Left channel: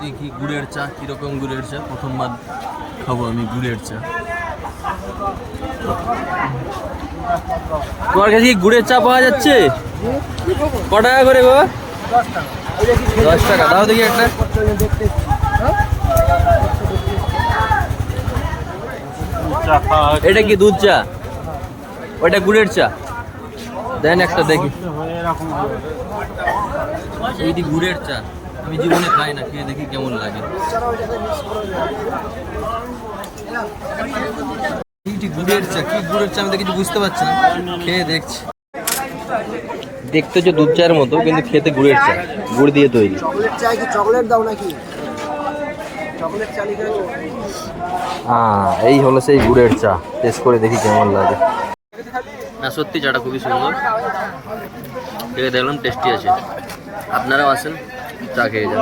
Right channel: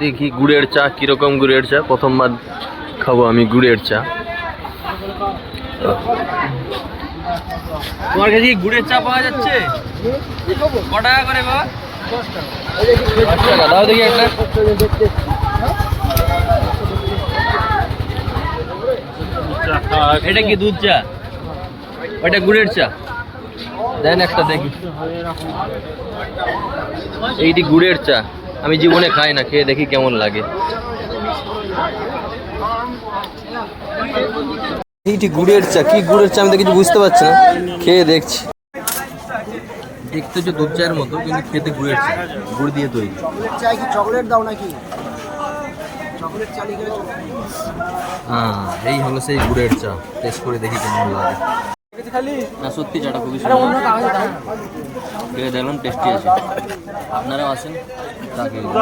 দেখি গুড়ের চা কিরকম। গুড়ের চা প্রথমবার খাবো আমি গুড়ের চা। তোমার কাছে কি গুড়ের চা পাওয়া যাচ্ছে? ক টাকা করে গো? 10 টাকা। দাও দেখি একটা। এটা কি দুধ চা? ওইটা গুড়ের চা দেন একটা দেখি। এইটি গুড়ের চা, আমি জীবনে খাই না, খেয়ে দেখি কেমন লাগে। এইটি গুড়ের চা, কি গুড়ের চা আমি তো কিছু বুঝতে পারছি না, খেয়ে দেখছি। দেখতে হচ্ছে দুধ চায়ের মতো, কিন্তু খেতে গুড়ের চা, গুড় দিয়ে তৈরি। চকলেট চাই কি চকলেট দাও নাকি? চকলেট চা লিখে হ্যাঁ, এই হলো সেই গুড়ের চা। টেস্ট করে দেখি কেমন লাগে। না সত্যি চাটা খুবই সুন্দর, খেয়ে দেখলাম টেস্টি আছে। আপনারাও আসেন, চা খেয়ে যান।